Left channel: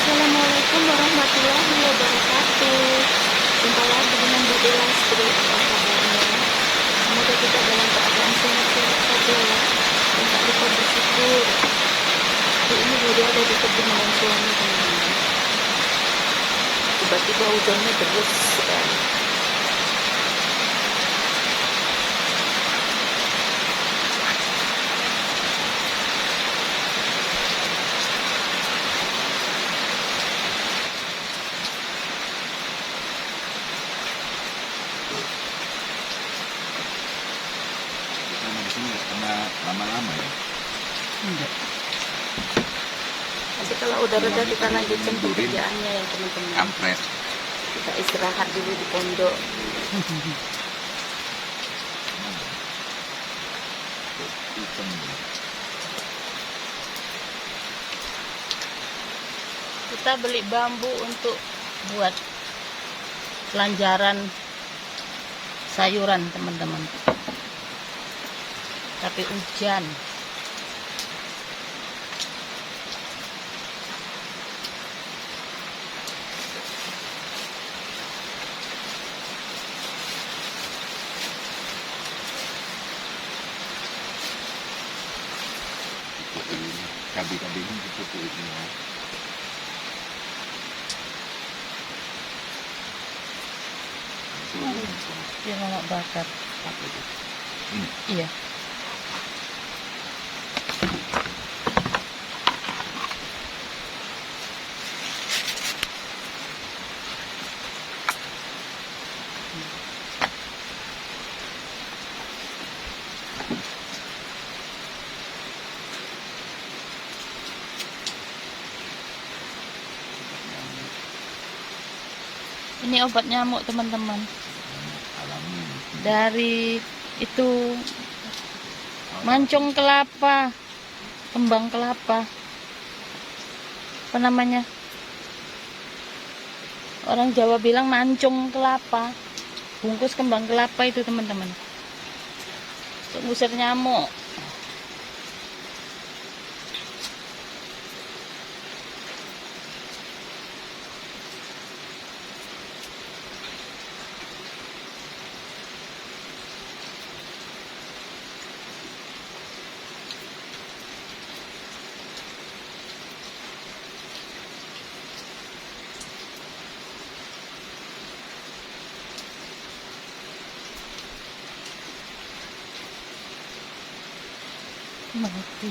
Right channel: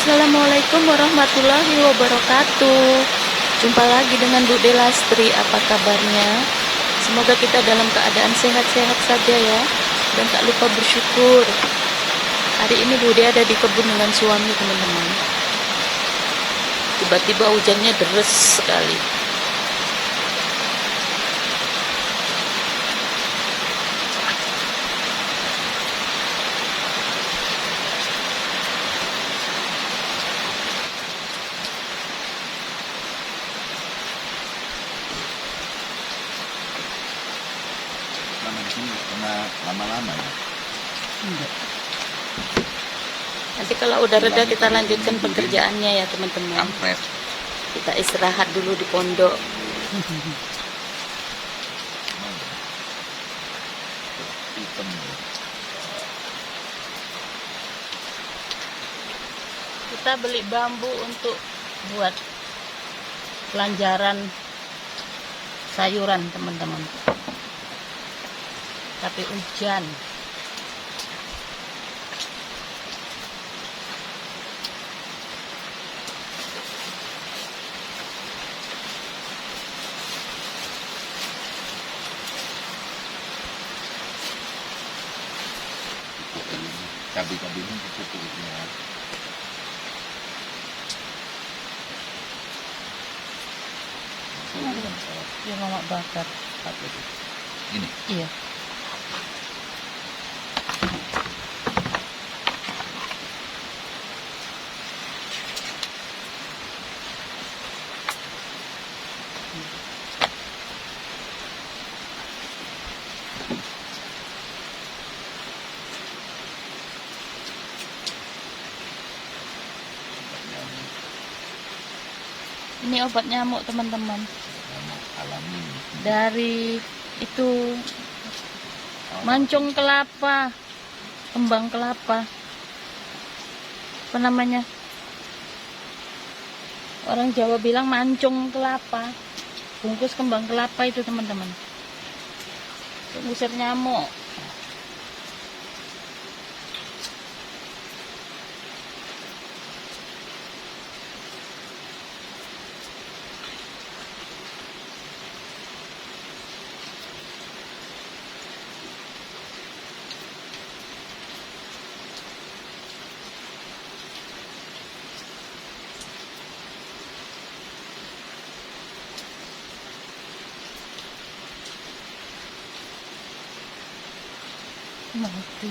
Assalamualaikum warahmatullahi wabarakatuh. Jumpa lagi dengan Bude Lastri. Apa kabarnya? Semoga kita dalam keadaan sehat-sehat saja ya. Dan tak lupa bersyukur. Hari ini Bude ada di kebun dengan suami, teman-teman. Tiba-tiba hujannya deras sekali. Lama-lama Enggak. Nanti kalau udah reda kita lanjutkan pekerjaannya ya teman-teman. Kita istirahat dulu di pondok. Kita beli bambu untuk buat pelanjaran sayuran teman-teman. Tapi hujan. Kabi-kabinya seperti itu. Yang anak bakar. Ini. Iya. Ini obat nyamuk teman-teman. Dari itu mancung kelapa, kembang kelapa. Apa namanya? Orang Jawa bilang mancung kelapa. Bungkus kembang kelapa itu teman-teman. Ngusir nyamuk. Mati.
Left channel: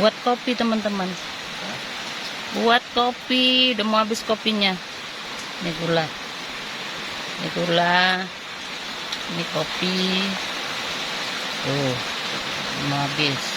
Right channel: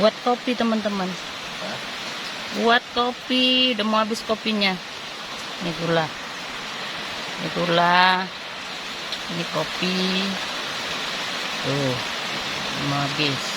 Buat kopi teman-teman. Buat kopi, udah mau habis kopinya. Ini gula. Ini gula. Ini kopi. Tuh, mau habis.